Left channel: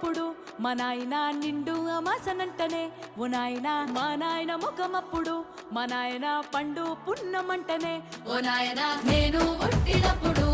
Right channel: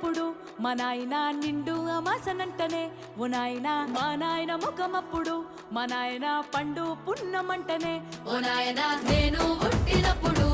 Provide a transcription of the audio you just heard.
పుట్టినప్పుడు మా నాయన నిండు అమాసనంటనే ఓ నాయన మా నాయన ముఖమప్పుడు మా నాయన పండు పున్నమంటనే ఓ నాయన నేను పుట్టినప్పుడు